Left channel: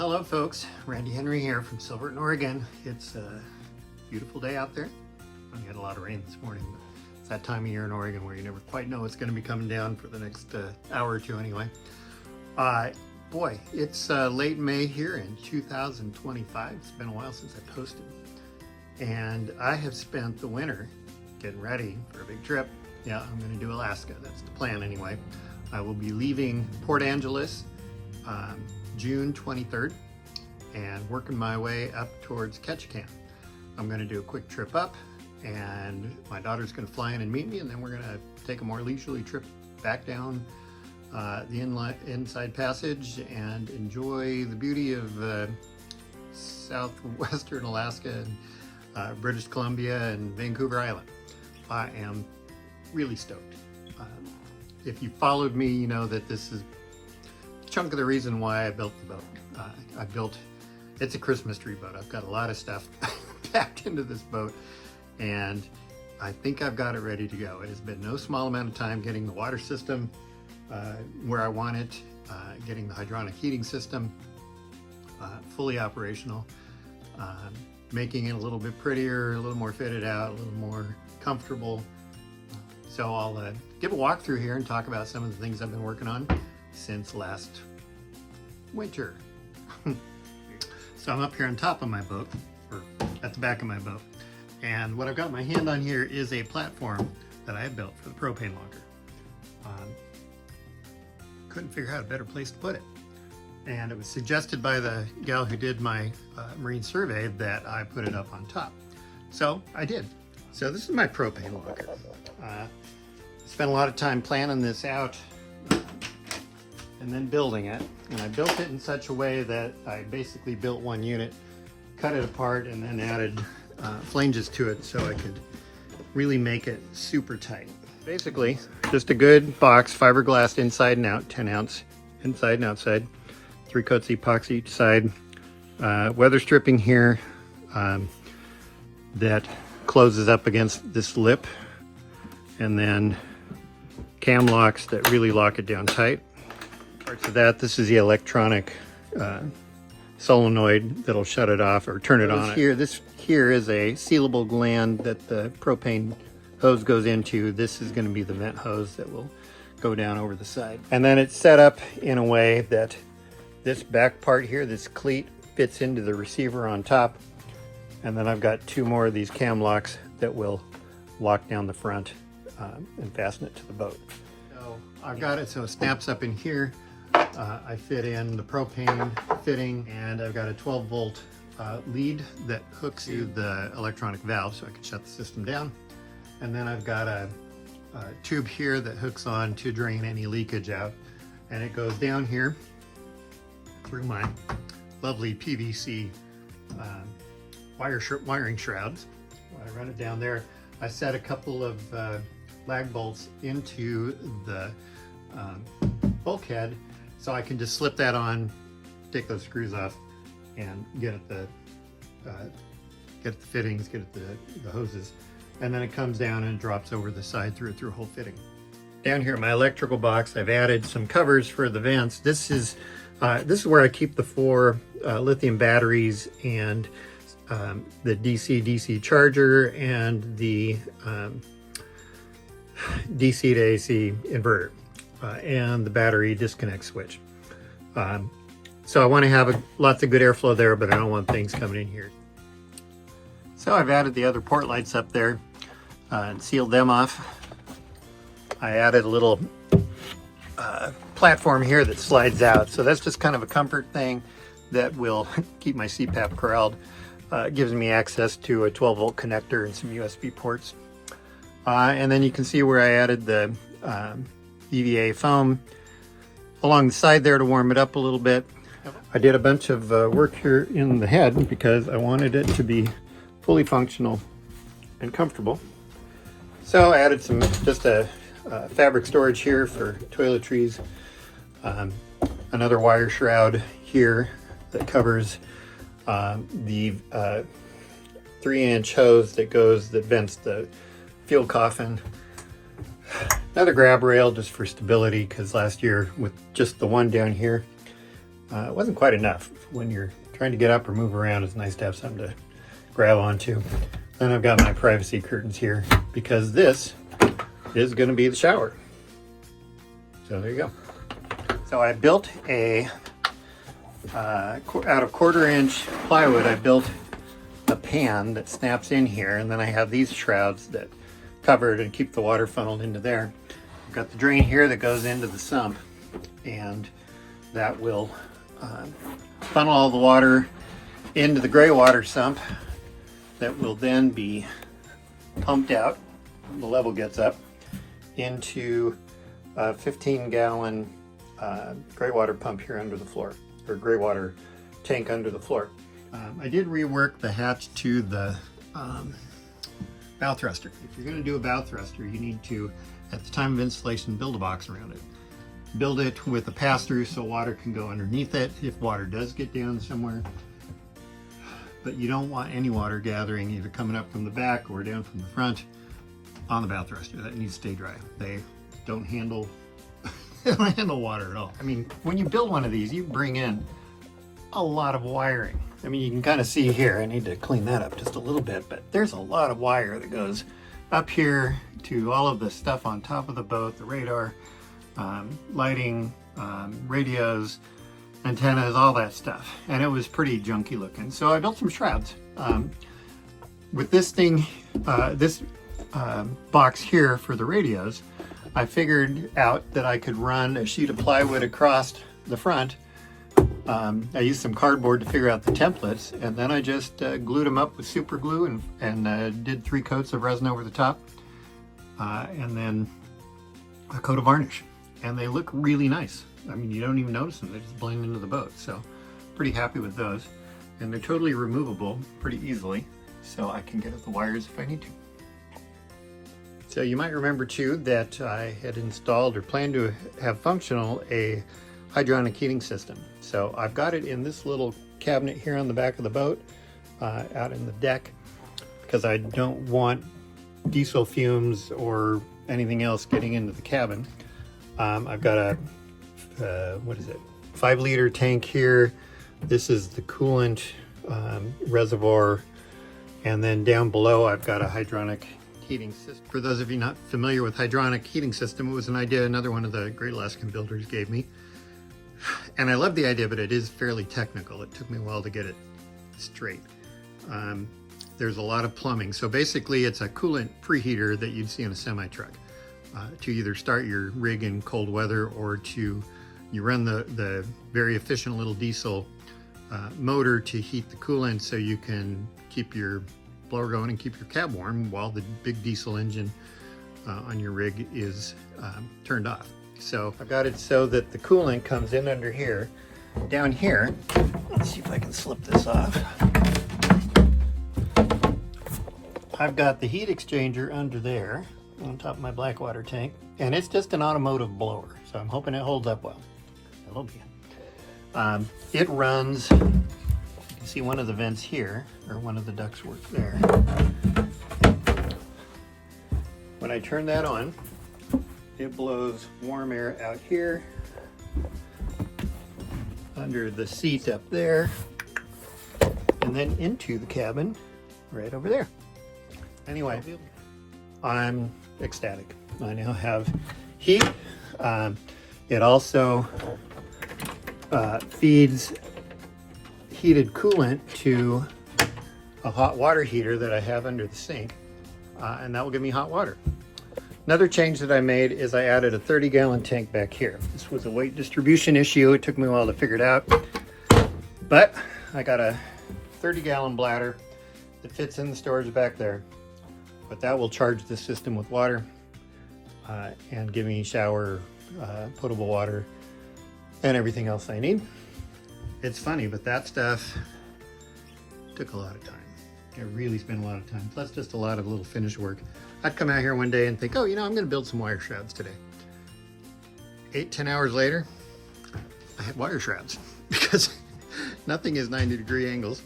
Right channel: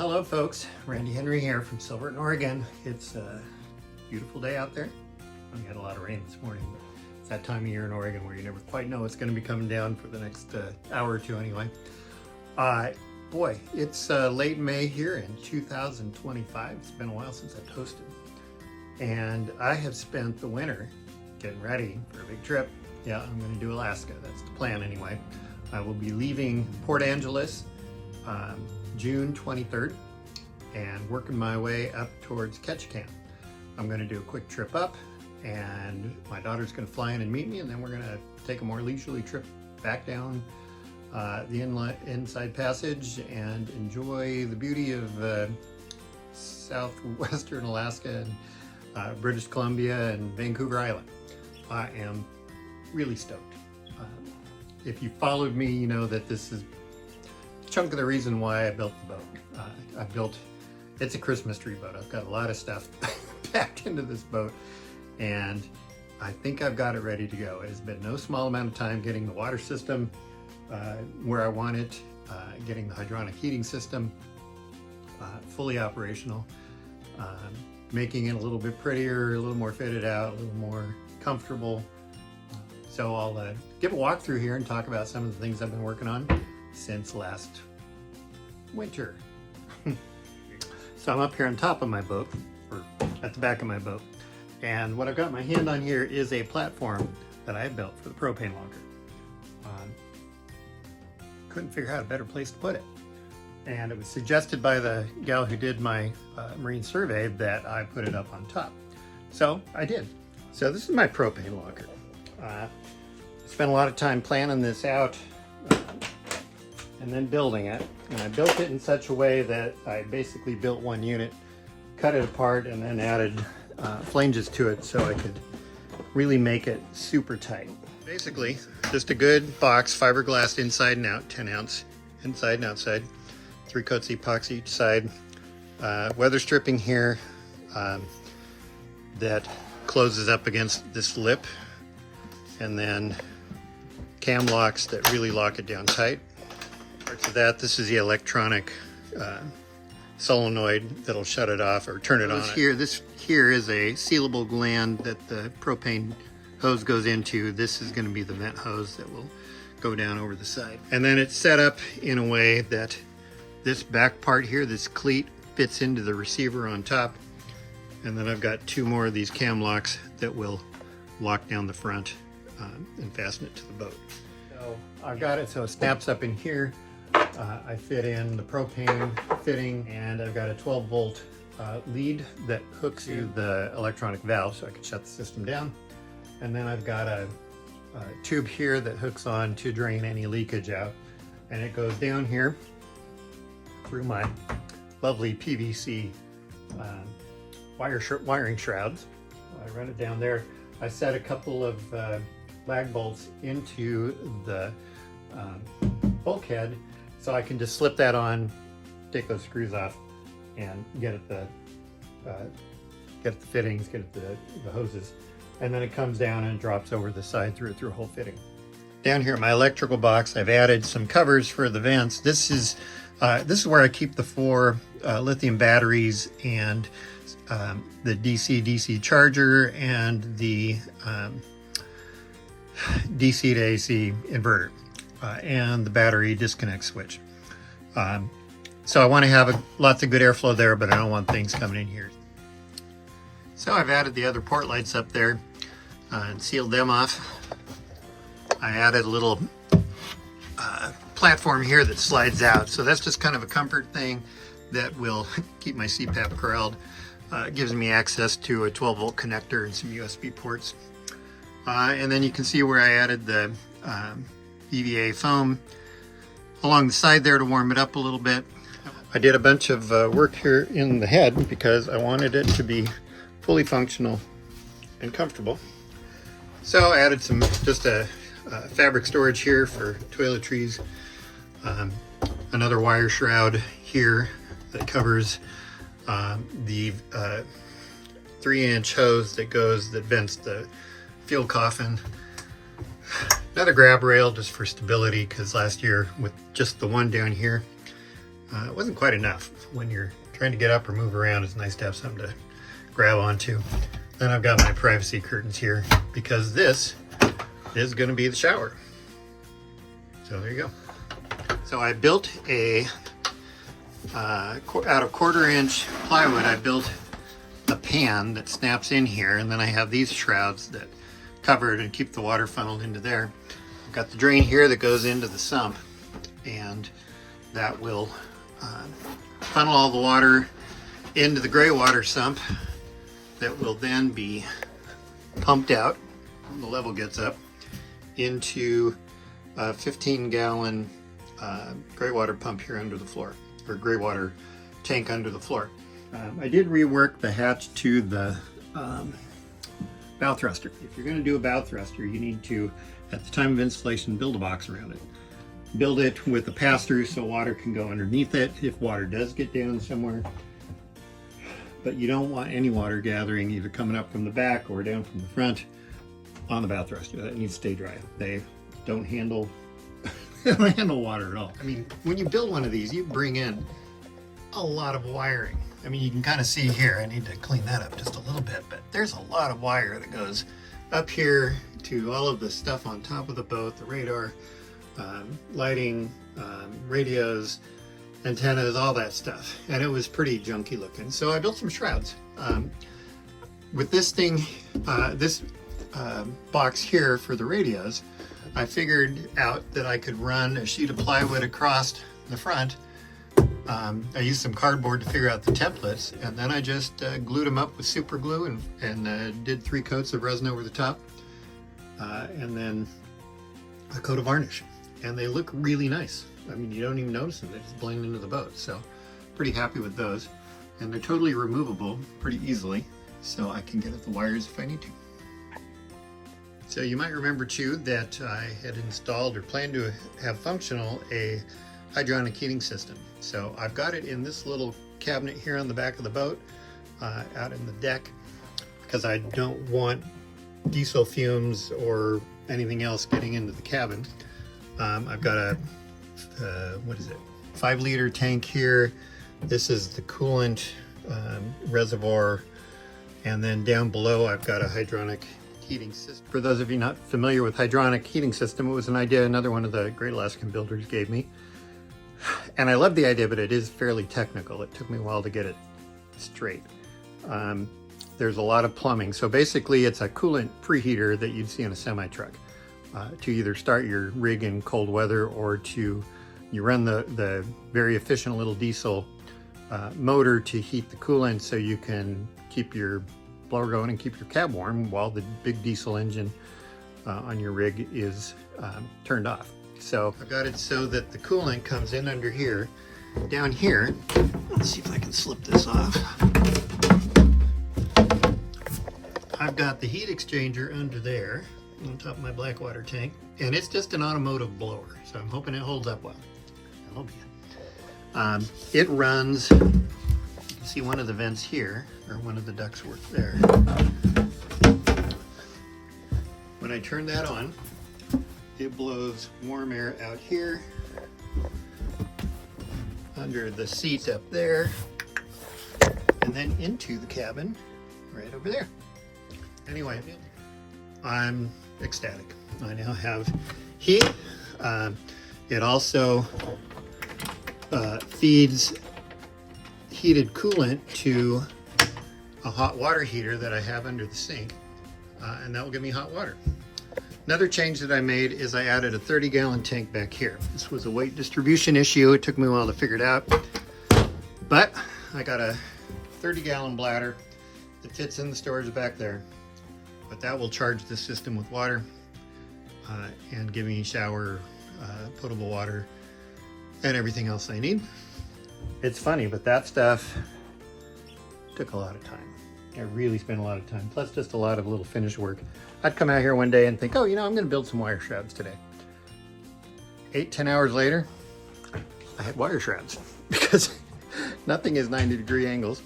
Hello folks, Randy Henry here from Silverton, Oregon. It's a beautiful day out there. We had a lot of rain this morning, but it's that time of year in Oregon where you never quite know what's going to be coming down for the next hour or two anyway. Boy, it's late May here in 2025. It's been a while since I've posted. And I have spent the winter getting ready for a big trip. Yeah, I'm going to do Alaska. That's the plan anyway. I will be leaving Port Angeles June 23rd and working my way up towards Ketchikan. I'm going to do a quick trip up and my daughter's going to fly in and meet me, and then we're going to take a more leisurely trip back down the inside passage and enjoy the beauty of southwestern Alaska and British Columbia and Vancouver Island. I am really stoked. If you followed me, you know that this is a chunk of the reason why I built the boat. It's a Christmas tree boat. I've got a lot of stuff packed into this boat, and I think I've got it ready to go. It has been no small amount of time getting the water system where I want it, getting the hydronic heating system fully operational, making it a little bit prettier, a little more fitted out, a little more comfortable. So I'll give a walk through here and talk about some of the things I've been working on since last winter. So I'm up here on top of my boat, or at the back of my boat. And what I've got my hand on here is a platform that I built for the propane locker. Couldn't figure out a better place to put it. And it was suggested by the gal who did my marine survey that I put it up on top. So I did. So this is my propane locker. Spent a lot of time planning this out and then building it. And I built it in such a way that I basically built one unit, cut it apart, and then added flanges to it so I could really make it super tight. Basically, just a good box, fiberglass inside and out, 10 ounce inside and outside, 3 coats of epoxy each side, weather stripping here that closes up against this lip, and then cam locks that really lock it down tight. So this is the electronic solenoid that'll shut it off or turn it on. This here is a sealable gland that the propane hose goes into. This is going to be the vent hose that will go down over the side. And then it's set up in a way that this back part here, this cleat, fits into the receiver on top. And then I've got 2 more of these cam locks that will lock down the front and fasten it to the boat. So I've got it so it snaps up in here. I fit in the propane fitting, and I've got a 12 volt lead that hooks to the electronic valve so I can shut the system down. And then I've got a tube here that hooks on to drain any leakage out, and it goes down here through my lovely PVC wiring shrouds. I run it down there. I set a couple of lag bolts into the bulkhead so I can just slip that on, take those screws off, and get at the fittings, get at the hoses. And then it comes down and drops over the side through a whole fitting. Down here in my electrical box, I've added some covers for the vents. This is where I keep the 4 lithium batteries and the DC charger and the DC to AC inverter and the battery disconnect switch. So I want to have lots of good airflow there, but I don't want things coming in here. So I've added the other port lights up there and sealed them off. I added a little platform here that slides out. So that's just kind of a comfort thing that will keep my CPAP corralled. It gives me access to a 12 volt connector and some USB ports. And then you can see where I added the EVA foam along the side there to warm it up a little bit. I did a bunch of work here in the head because I wanted it to be fully functional and comfortable. So I added just a fabric storage here for toiletries, another wire shroud here that covers the 3-inch hose that vents the fuel coffin. Another grab rail just for stability, because last year with just the one down here, It wasn't quite enough. When you're trying to get up or move around, it's nice to have something to grab onto. Then I've got my privacy curtains here because this is going to be the shower. So there you go. So I built a, out of 1/4-inch plywood, I built a pan that snaps in here, and then I have these shrouds that cover it and keep the water funneled into there. I've got the drain here that goes into the sump, and that will funnel all the water into the gray water sump that will then be pumped out when the level gets up into a 15-gallon gray water pump here under the floor, or gray water tank under the floor. I did rework the hatch to the bow thruster. If you're going to do a bow thruster, you need to, at the time of installation, build a box around it. Build it with a pass-through so water can go underneath it if water does get down somewhere. But you don't want any water gathering either coming up from the back or down from the front on the bow thruster. That needs to stay dry. They don't handle water at all. I mean, when you build one of these, you bring in a lot of wiring. I mean, you can kind of see here, I need to clean that up just a little bit, but there's a lot of wire that goes up here to all of the stuff on top of the boat, the radar, lighting, radios, antennas, all that stuff. And it was pretty junky looking. So I built some shrouds. With this thing, this box here for the radios, I figured out that I could run a sheet of plywood across the front. I used some cardboard to figure out the templates, and then I just glued them up with super glue and did 3 coats of resin over the top, and then a coat of varnish. And they look really nice. I mean, you don't even notice them, they just blend into the boat. So pretty happy with those. And they're totally removable pretty easily, so I can get at the wires if I need to. So you might remember too that I had installed or planned to have functional a hydronic heating system. So I've got it in this little cabinet here on the back of the boat, out in the deck, because I don't want diesel fumes or anything else getting into the cabin. I've got a, what is it, 5-liter tank here. This is the coolant reservoir. And then down below, I've got a hydronic heating system. For those of you not familiar with hydronic heating system, it was an idea another one of the Great Alaskan builders gave me. And I love the idea, but it is fairly technical. It took me a while to get it straight. There's a lot of plumbing. So basically it's a coolant preheater that you'd see in a semi-truck to either start your rig in cold weather or to, you run the very efficient little diesel motor to heat the coolant so you can keep your blower going and keep your cab warm while the big diesel engine on your rig is turned off. So I've got it so that the coolant comes in under here. Down here, let's see if I can slip this off. I've got the heat exchanger under there on top of my black water tank, and it's just an automotive blower, so I'm hoping it holds up well. It'll be it. It runs, you can see one of the vents here, or one of the ducts work there. When I turn that on, it blows warm air out here, under the seat up there, and then into the cabin right over there. Anyway, I'm ecstatic. I now have heat. It also feeds heated coolant to a hot water heater that I have under the sink, and that will give me hot water. Another change that I made is I added a 30-gallon tank back here. This was a weight distribution issue. It took me a while to figure it out, but I got a 30-gallon bladder that fits in the storage back there. But that will charge the system with water and give me shower, potable water, and everything else I need. It's funny, but that stuff took a lot of time. I really spent a lot of time, plus just a lot of little finish work. I'd come out here one day and think, oh, you know, I'm gonna build some wire shrouds today. 8-10 hours later, I had wire shrouds because nothing is 90-degree angles,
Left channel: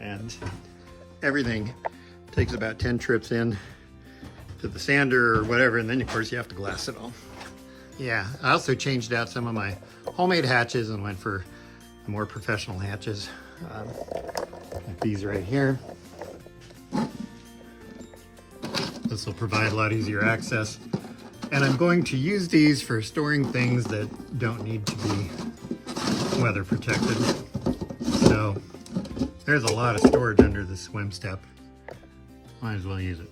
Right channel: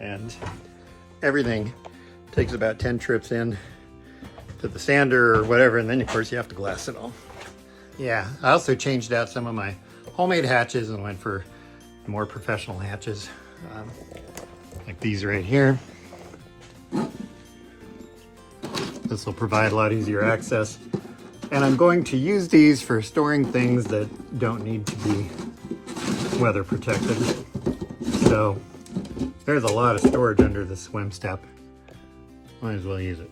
and everything takes about 10 trips in to the sander or whatever, and then of course you have to glass it all. Yeah, I also changed out some of my homemade hatches and went for the more professional hatches, like these right here. This will provide a lot easier access. And I'm going to use these for storing things that don't need to be weather protected. So there's a lot of storage under the swim step. Might as well use it.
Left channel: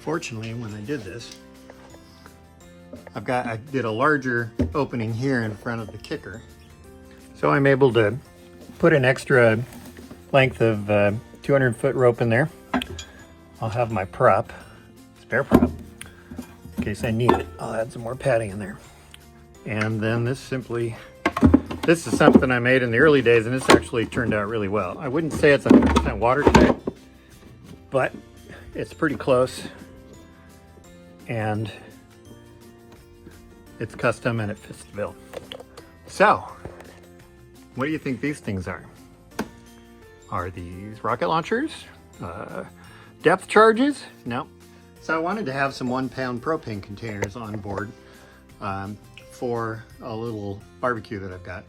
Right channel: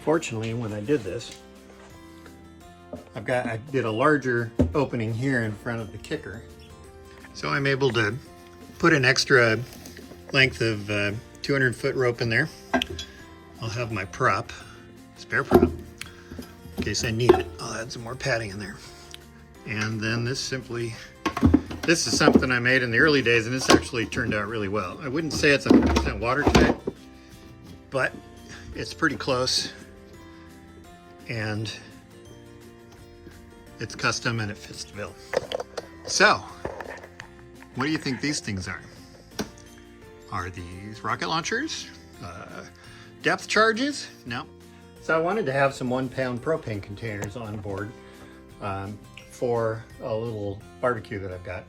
Fortunately, when I did this, I did a larger opening here in front of the kicker. So I'm able to put an extra length of 200-foot rope in there. I'll have my prop, spare prop, in case I need it. I'll add some more padding in there. And then this is something I made in the early days, and this actually turned out really well. I wouldn't say it's 100% watertight, but it's pretty close. And it's custom and it fits the bill. So, what do you think these things are? Are these rocket launchers? Depth charges? No. So I wanted to have some 1-pound propane containers on board for a little barbecue that I've got.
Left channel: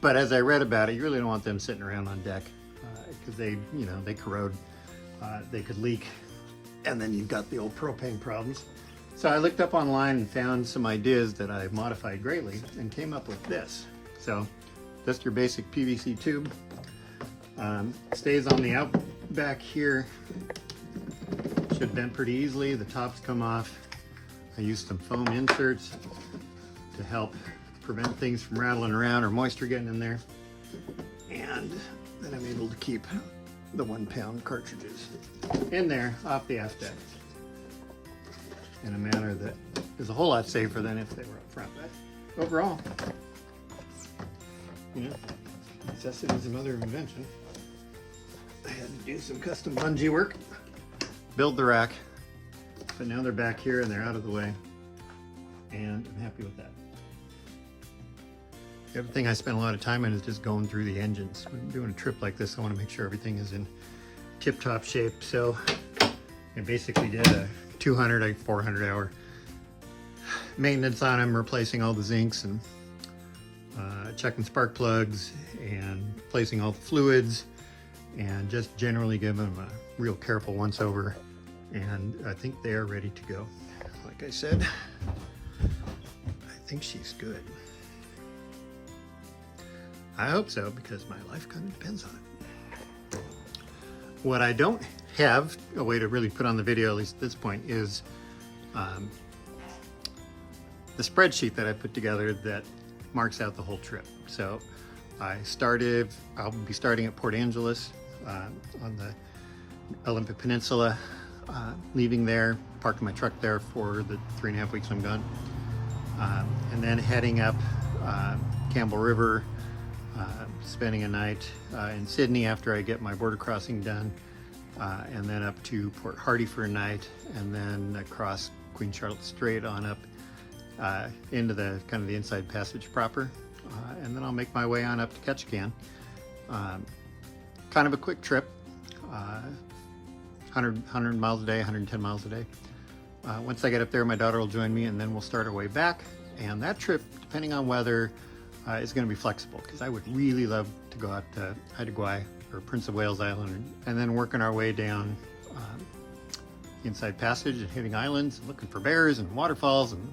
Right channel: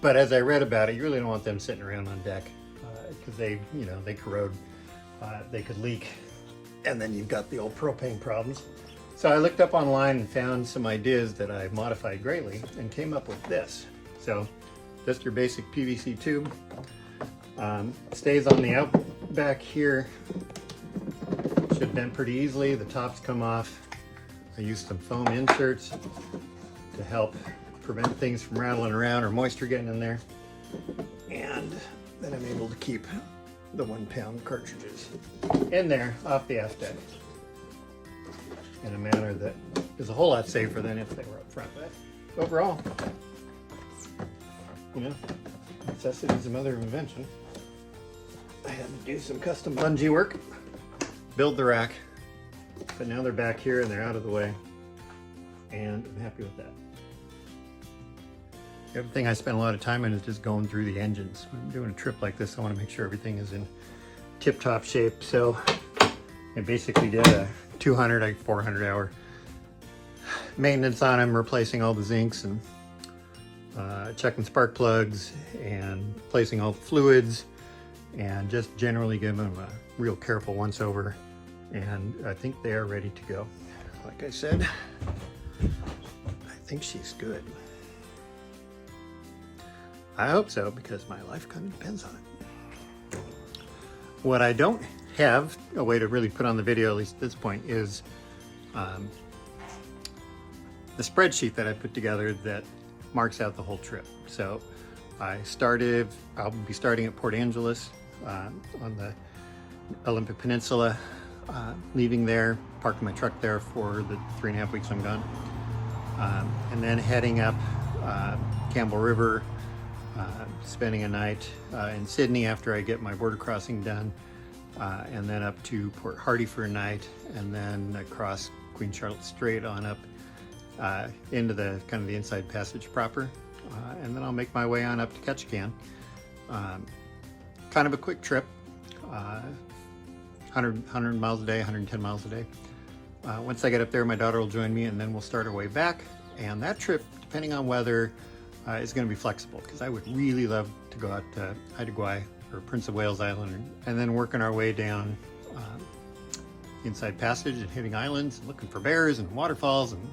But as I read about it, you really don't want them sitting around on deck because they corrode, they could leak, and then you've got the old propane problems. So I looked up online and found some ideas that I modified greatly and came up with this. So just your basic PVC tube. Stays on the out back here. Should bend pretty easily. The tops come off. I used some foam inserts to help prevent things from rattling around or moisture getting in there. And then I'm able to keep the 1-pound cartridges in there off the aft deck in a manner that is a whole lot safer than if they were up front. But overall, necessity is the mother of invention. I had to do some custom bungee work, build the rack, but now they're back here and they're out of the way, and I'm happy with that. The other thing I spent a lot of time in is just going through the engines. When I'm doing a trip like this, I want to make sure everything is in tip-top shape. So I basically did a 400 hour maintenance on them, replacing all the zincs and checking spark plugs and replacing all the fluids, and just generally giving them a real careful once over. And I think they are ready to go. Like I said, I think she's good. I hope so, because my life kind of depends on it. What I don't have a way to really put on the video, at least at this point, is the spreadsheet that I put together that marks out the whole trip. So I'll be starting at Port Angeles on the Olympic Peninsula, leaving there, parking my truck there for the 3.5 weeks I'm gone, and then heading up Campbell River, spending a night in Sydney after I get my border crossing done, and then up to Port Hardy for a night, and then across Queen Charlotte Strait on up into the kind of the inside passage proper, and then I'll make my way on up to Ketchikan. Kind of a quick trip, 100 miles a day, 110 miles a day. Once I get up there, my daughter will join me, and then we'll start our way back. And that trip, depending on weather, is going to be flexible, because I would really love to go out to Haida Gwaii or Prince of Wales Island, and then working our way down the inside passage and hitting islands, looking for bears and waterfalls and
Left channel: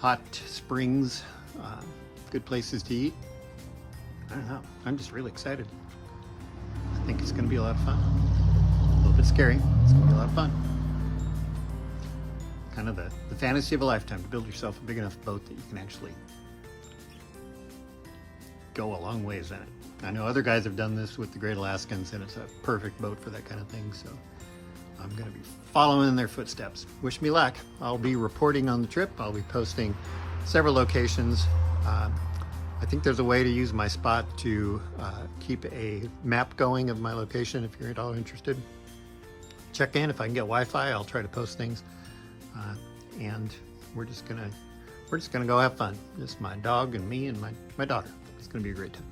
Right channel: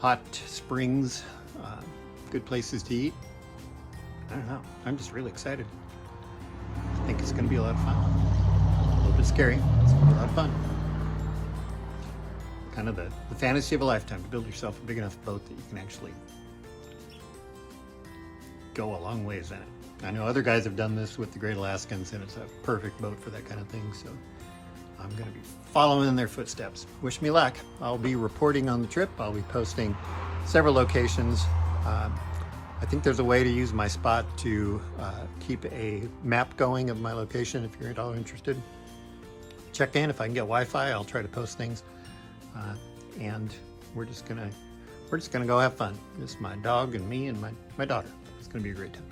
hot springs, good places to eat. I don't know, I'm just really excited. I think it's going to be a lot of fun. A little bit scary, it's going to be a lot of fun. Kind of the fantasy of a lifetime, to build yourself a big enough boat that you can actually go a long ways in it. I know other guys have done this with the Great Alaskans, and it's a perfect boat for that kind of thing, so I'm going to be following in their footsteps. Wish me luck. I'll be reporting on the trip. I'll be posting several locations. I think there's a way to use my spot to keep a map going of my location if you're at all interested. Check in. If I can get Wi-Fi, I'll try to post things. And we're just gonna go have fun. It's my dog and me and my daughter. It's gonna be a great time.